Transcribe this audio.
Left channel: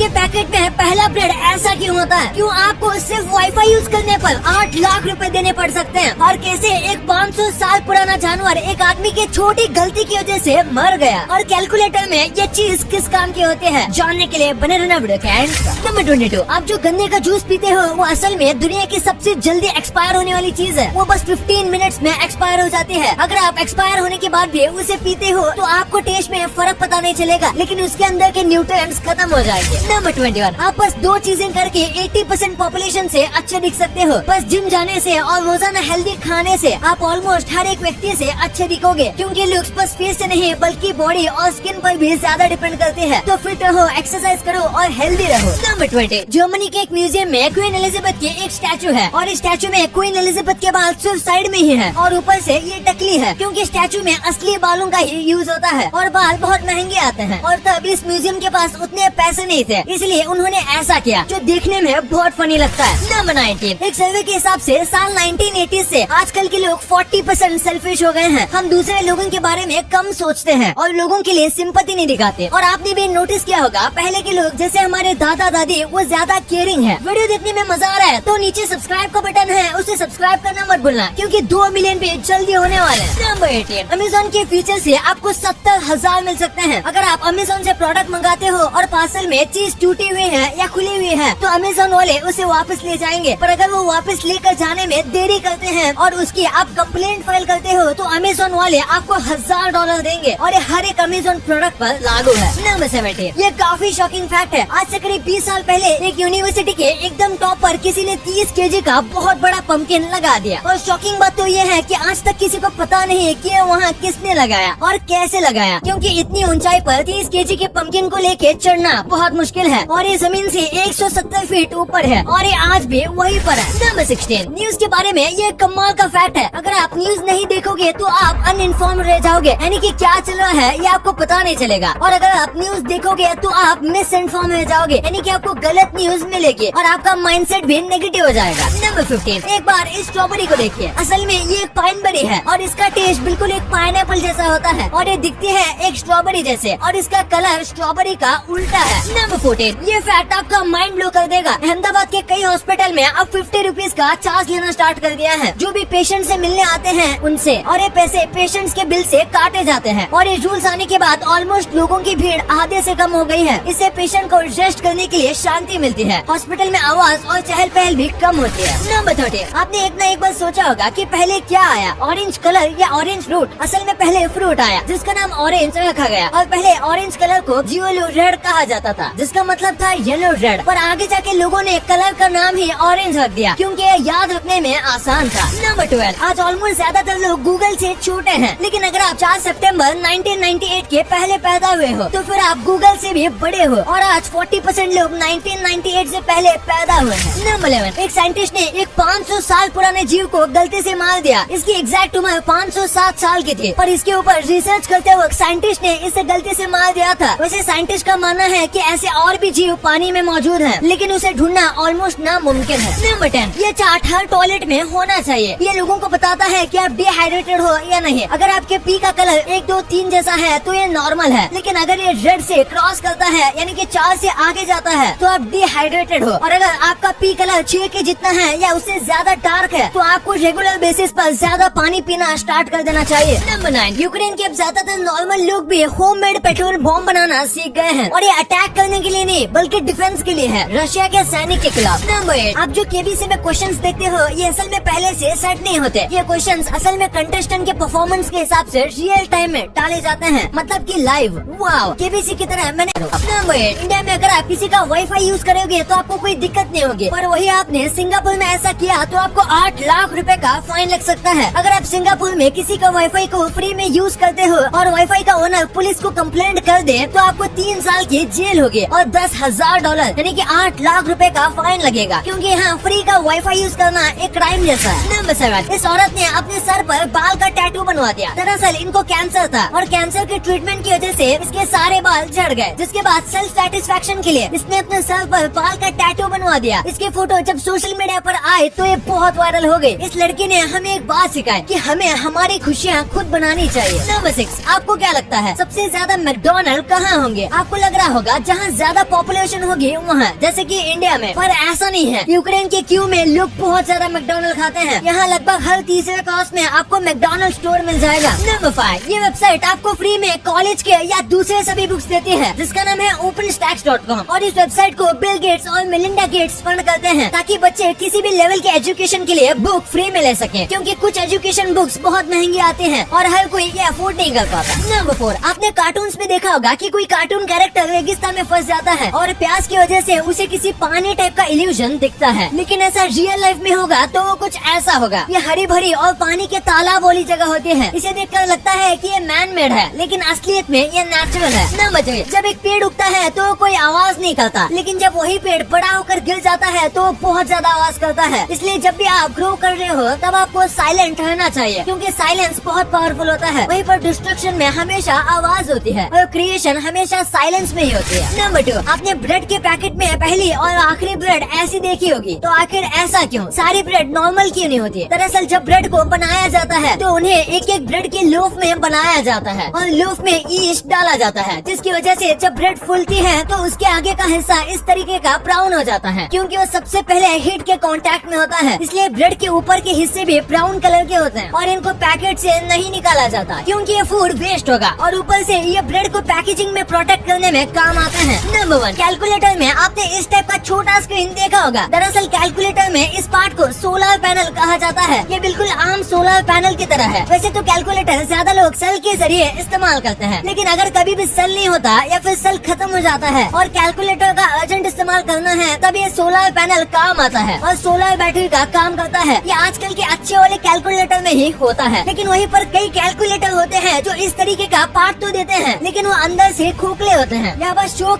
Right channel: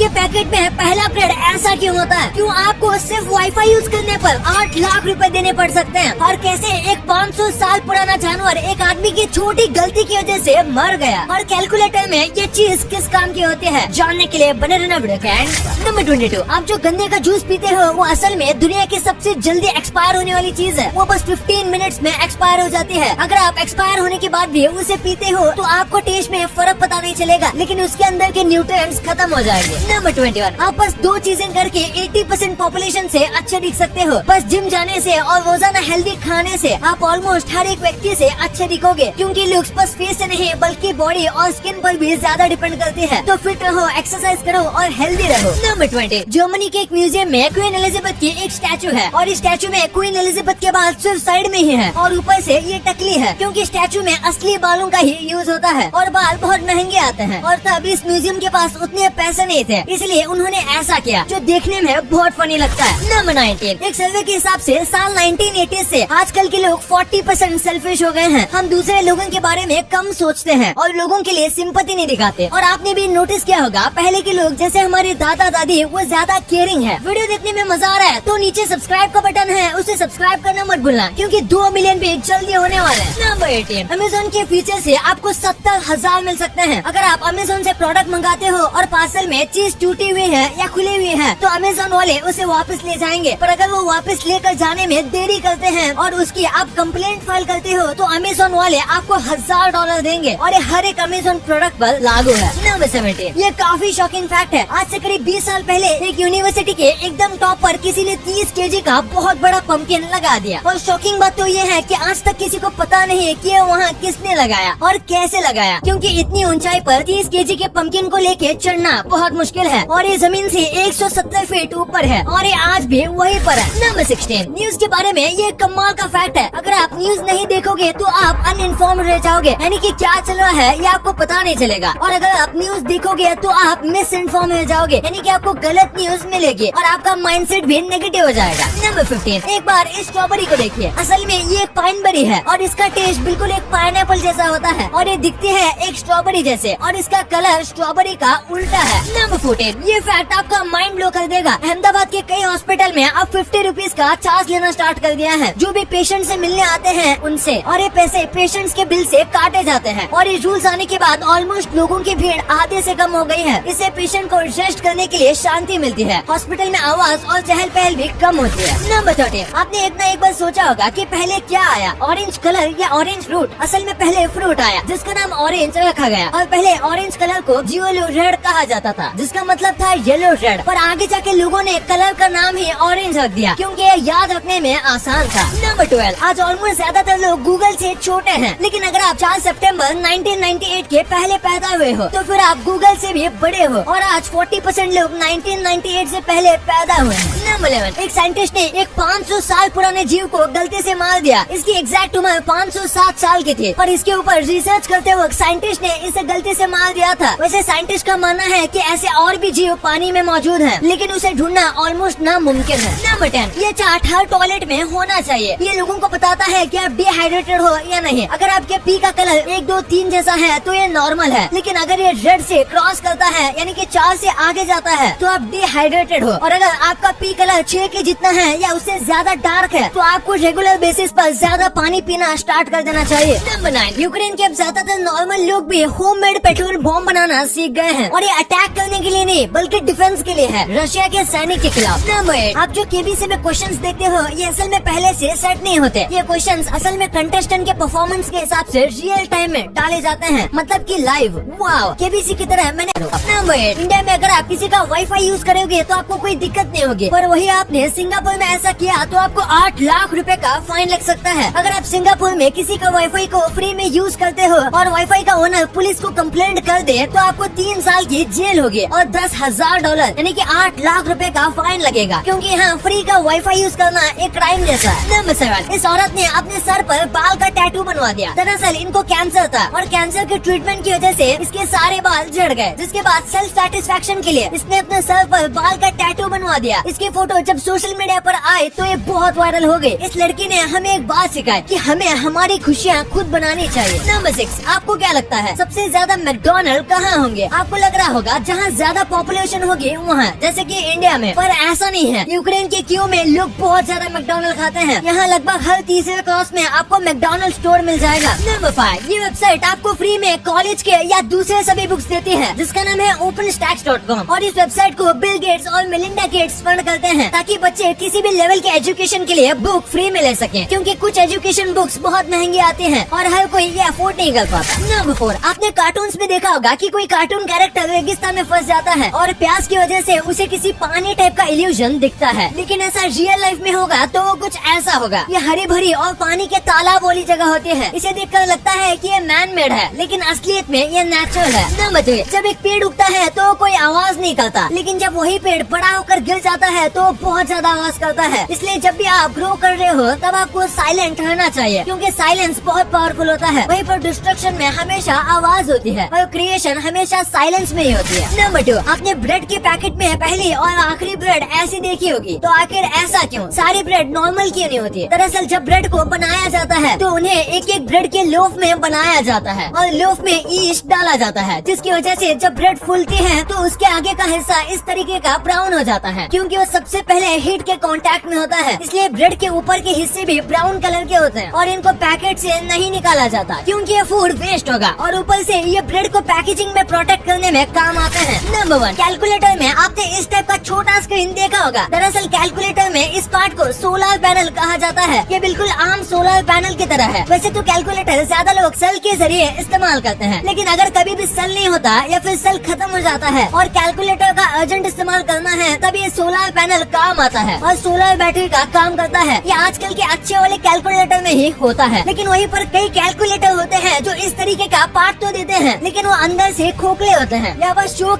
के पैकेट में पहला अपग्रेड ऐसा क्यों होता है? क्यों आपको सिर्फ वाईफाई यूज करने पर 8 लाख रुपए देने पड़ सकते हैं? और कैसे एक 500 साल पुराना जानवर एक आदमी की छोटी गलती की वजह से मर गया? और कैलकुलेटर में ये चीज किस काम की होती है, जानने के लिए बने रहना वीडियो के एंड तक। नंबर 22, आप जो गन्ने का जूस पीते हो वो असल में दुनिया की सबसे जल्दी एक्सपायर होने वाली चीज है। वो बस 15 मिनट्स में एक्सपायर हो जाती है। अगर आप एक्सपायर होने के बाद भी उसे पीते हो तो आपको टेस्ट में फर्क पता नहीं चलेगा, लेकिन उसके अंदर के न्यूट्रिएंट्स खत्म हो जाएंगे। नंबर 21, आप बस 2 चीजें करके 80% पॉपुलेशन से अच्छे दिख सकते हो। बस जिम जाने से और रोजाना हेल्दी खाने से आप ऑलमोस्ट हर एक व्यक्ति से अच्छे दिखोगे, क्योंकि लुक्स बस फेस से नहीं बल्कि बॉडी और स्किन पर भी ज्यादा डिपेंड करती है। तो फिट रहो, एक्सरसाइज करो और हेल्दी रहो। नंबर 20, जर्मनी के एक म्यूजियम में क्वीन एलिजाबेथ की एक स्टैचू है और इस स्टैचू में क्वीन एलिजाबेथ के बाल सिर्फ साइड में ही है और ऊपर से ये टकली है, क्योंकि स्टैचू में असली बालों का ही यूज होता है और बाल बहुत महंगे आते हैं। और तब इस म्यूजियम के पास उतने पैसे नहीं थे, इसलिए उन्होंने ऐसा किया जो देखने में बहुत फनी लगता है। नंबर 19, एक सर्वे के हिसाब से साल 1980 से आजकल के लोग 40% सेल्फिश हो गए हैं। हम दूसरे लोगों के बारे में कम सोचते हैं और लोगों के लिए सिंपैथी नहीं दिखाते। और आपने भी नोटिस किया होगा, पहले के लोग जैसे हमारे दादा दादी वो ज्यादा केयरिंग है। वीडियो देखने में मजा आ रहा है तो नीचे सब्सक्राइब का बटन है, उसे सब्सक्राइब करना मत भूलना, क्योंकि 2 मिलियन पे जल्दी होने वाले हैं। नंबर 18, अमेज़न के फीचर से आपको 70,000 मिल सकते हैं। अगर आप अमेज़न से प्रोडक्ट मंगाते हो और पार्सल में चीज टूटी हुई है या खुली हुई है तो अमेज़न वाले उसे वापस ले जाएंगे। पर अगर वो वापस लेकर जाने में देरी करते हैं और उसकी आप कंप्लेंट फाइल करते हो तो अमेज़न वाले आपको $1000 देंगे और ये हर एक अमेज़न प्रोडक्ट पर लागू है। नंबर 17, ये काफी शॉकिंग फैक्ट है। आज से करीब 20 साल पहले एक यूनिवर्सिटी के एकदम टॉप पर किसी ने 30 kg का बहुत बड़ा पंपकिन लगा दिया। और शॉकिंग बात तो ये है कि आज तक किसी को पता नहीं है कि ये वहाँ किसने लगाया और कैसे लगाया, क्योंकि इतनी ऊंचाई पर 30 kg के पंपकिन को लेके चढ़ना बहुत मुश्किल है और ये जमीन से 170 फीट ऊपर है और ये आज भी वहीं पर है। नंबर 16, न्यूज के बारे में ये कमाल का फैक्ट है। अगर आप न्यूज नहीं देखोगे तो आप अनइन्फॉर्म रह जाओगे, यानी कि क्या चल रहा है ये आपको पता नहीं चलेगा। और अगर आप न्यूज देखोगे तो आप मिस इन्फॉर्म रह जाओगे, यानी कि आपको गलत न्यूज मिलेगी और आपका माइंडसेट भी नेगेटिव हो जाएगा। नंबर 15, एक बार इस स्ट्रॉबेरी को देखिए। असल में ये एक पाइनबेरी है और इसका टेस्ट बिल्कुल एक पाइनएप्पल जैसा होता है और ये दिखती है एक स्ट्रॉबेरी जैसे और इसका कलर स्ट्रॉबेरी का उल्टा है। नंबर 14, ये फैक्ट आपका माइंड ब्लो कर देगा। अहमदाबाद के कई हॉस्पिटल में अब 50 रुपीज का चार्ज लेना स्टार्ट कर दिया है जो भी पेशेंट से मिलने आते हैं उनसे, और ये पैसे पेशेंट्स के बिल से काटे जाते हैं। और ये रूल्स आने के बाद ऑलमोस्ट लोगों की भीड़ आधे से कम हो गई है। इससे पेशेंट को रेस्ट करने के लिए शांति मिलती है, हॉस्पिटल में आवाज और चहल पहल भी कम होती है। नंबर 13, आपने एक न एक बार सोचा होगा कि पहले क्या आया, ऑरेंज कलर या ऑरेंज फ्रूट? असल में पहले फ्रूट आया जिसका नाम ऑरेंज रखा गया और पहले ऑरेंज कलर को जियोलो रेड कहा जाता था, जिसका मतलब था येलो रेड। पर आगे जाके लोगों ने कलर का नाम ही ऑरेंज रख दिया क्योंकि ये याद रखने में आसान था। नंबर 12, आज ऑलमोस्ट ज्यादातर लोग गूगल से छोटे हैं, लेकिन अगर आप 4 सितंबर 1998 के पहले पैदा हुए हो तो फिर आप गूगल से भी बड़े हो और आज 40% लोग 1998 से पहले पैदा हुए हैं। नंबर 11, एक साइंटिस्ट ने एक 500 साल पुराने जीव को गलती से मार दिया। इसकी एग्जैक्ट उम्र 507 साल की थी, पर इसके ऊपर रिसर्च करते वक्त साइंटिस्ट ने इसे गलती से मार दिया था। वैसे साइंटिस्ट का मानना है कि ऐसे और भी जीव पानी में मौजूद है, लेकिन उसे ढूंढना ऑलमोस्ट नामुमकिन है। नंबर 10, ये चार्ट हर टॉयलेट में होना चाहिए। ये लोगों को बताता है कि आप डिहाइड्रेटेड हो या नहीं। अगर आपके पी का कलर 1, 2, 3 जैसा है तो ये नॉर्मल है, लेकिन अगर ये रेड से क्रॉस करता है यानी कि 4 से आगे जाता है तो आप डिहाइड्रेटेड हो। और अगर आपका पी कलर 6 के जितना है या उससे ज्यादा डार्क है तो आपको रेगुलर बेसिस पर ज्यादा पानी पीना स्टार्ट कर देना चाहिए। नंबर 9, यूक्रेन के अब ज्यादातर नॉर्मल लोग भी होममेड पेट्रोल बॉम्ब बनाना सीख गए हैं और ये अटैक करने के लिए नहीं बल्कि डिफेंस के लिए है, रशिया के सैनिक के खिलाफ। नंबर 8, आप जो केबीसी में क्वेश्चंस देखते हो ये असल में पहले से सेट नहीं होते। ये क्वेश्चंस असल में कंटेस्टेंट के परफॉर्मेंस के हिसाब से रियल टाइम में डाले जाते हैं, मतलब कि लाइव। वाओ, केबीसी की तरह मैंने। नंबर 8, इंडिया में अगर आप किसी का वाईफाई यूज करोगे तो आपको कोई दिक्कत नहीं होगी, पर वही आपने सिंगापुर में ऐसा किया तो आपको 8 लाख रुपए का फाइन लग सकता है। अगर आप सिंगापुर में किसी का वाईफाई को फ्री में यूज करते हो और वाईफाई का ओनर पुलिस को कंप्लेंट कर दे तो आपको 3 साल की जेल होगी और $10,000 पर यानी कि 8 लाख रुपए का फाइन लगेगा, क्योंकि यहाँ फ्री का वाईफाई यूज करना एक क्राइम जैसा है। नंबर 7, इस औरत ने अपने सर पर बाल का टैटू बनवा दिया। दरअसल इनको कैंसर था और कैंसर के ट्रीटमेंट की वजह से इसके सारे बाल झड़ गए, जिसके बाद सेल्फ सेटिस्फेक्शन के लिए इसने अपने सर पर बाल का टैटू बनवा दिया। इसके फोटो जब सोशल मीडिया पर आए तो ये बहुत वायरल हो गई। इस लड़की ने हमें एक बात सिखाई कि हमें हमारी खुशियाँ खुद बनानी चाहिए। नंबर 6, आपको क्या लगता है सबसे ज्यादा मैकडॉनल्ड कहाँ होंगे? आपको लग रहा होगा जहाँ ज्यादा पॉपुलेशन होगी वहाँ, जैसे कि इंडिया में, पर ऐसा नहीं है। यूक्रेन के क्यू में लोग बहुत ज्यादा मैकडॉनल्ड खाते हैं। यहाँ लगभग हर तीसरे क्रॉस में आपको मैकडॉनल्ड स्टोर मिल जाएगा। नंबर 5, ये वेबसाइट आपको फ्री में कॉलेज के या दूसरे सभी बुक्स देते हैं, जिसका नाम है openstacks.com। और इस वेबसाइट को बिल गेट्स और मेलिंडा गेट्स फंड करते हैं ताकि बच्चे किसी भी लेवल के एजुकेशन के लिए बुक फ्री में ले सकें, क्योंकि कुछ एजुकेशन बुक्स बहुत महंगी आती हैं और हर कोई ये अफोर्ड नहीं कर पाता। नंबर 4, आपने कार्टून्स में देखा होगा कि कोई कार्टून कैरेक्टर रेगिस्तान में फंस जाता है और प्यास की वजह से उसे किसी पानी टाइप का इल्यूजन दिखता है, लेकिन ऐसा रियल लाइफ में होगा तो वो कुछ ऐसा होगा। ये हरी भरी और पानी के तालाब वाली जगह होते हैं। इसे देखकर लगता है कि ये मैन मेड है, लेकिन असलियत में ये नेचुरल है। नंबर 3, जब एक पेड़ उगता है तो कोई आवाज नहीं करता, लेकिन जब वही पेड़ बड़ा होकर गिर जाता है तो बहुत ज्यादा आवाज करता है। इसलिए जब भी आप ग्रो कर रहे हो तब आपको साइलेंट रहना चाहिए, क्योंकि साइलेंस बहुत पावरफुल होता है। वहीं पर डिस्ट्रक्शन में हमेशा आवाज होती है और क्रिएशन हमेशा साइलेंस में ही होती है। नंबर 2, आपने ब्रेड के पैकेट में पहली और आखिरी ब्रेड ऐसी देखी होगी, तो आखिर ऐसा क्यों? सारी ब्रेड नॉर्मल क्यों नहीं होती? दरअसल जब ब्रेड को बनाया जाता है तो उन्हें एक एक ब्रेड के लोफ में बनाया जाता है और लोफ में ईस्ट डाला जाता है, जिसकी वजह से जब ब्रेड फूलती है तो उसके आगे का हिस्सा इस तरीके का ब्राउन हो जाता है, क्योंकि वो सबसे पहले हीट के कांटेक्ट में होता है। इसलिए ब्रेड के ऊपर के हिस्से भी ब्राउन कलर के होते हैं और इनको पैकेट से नहीं निकाला जाता, क्योंकि ये फूड वेस्ट होगा और ऊपर से ये ब्रेड को पैकेजिंग में प्रोटेक्ट करने में काम आता है। नंबर 1, कैलकुलेटर में आपने इस टाइप का छोटा स्क्रीन देखा होगा। दरअसल कैलकुलेटर में इस पार्ट को सोलर पैनल कहा जाता है। ये बिल्कुल आम सोलर पैनल की तरह है। वैसे तो कैलकुलेटर ज्यादा लोग सेल के जरिए इस्तेमाल करते हैं, लेकिन अगर कभी भी सेल नहीं होता या फिर सेल खत्म हो जाता है और कैलकुलेटर का अर्जेंट इस्तेमाल करना है, तब ये सोलर पैनल काम आता है और सोलर बैटरी का काम करता है। ये आजकल के अच्छे वाले कैलकुलेटर में ही होता है, लेकिन वहीं पर कई कैलकुलेटर होते हैं जो इस तरीके का पार्ट तो देते हैं, लेकिन वो अंदर से खोखले होते हैं या बस शो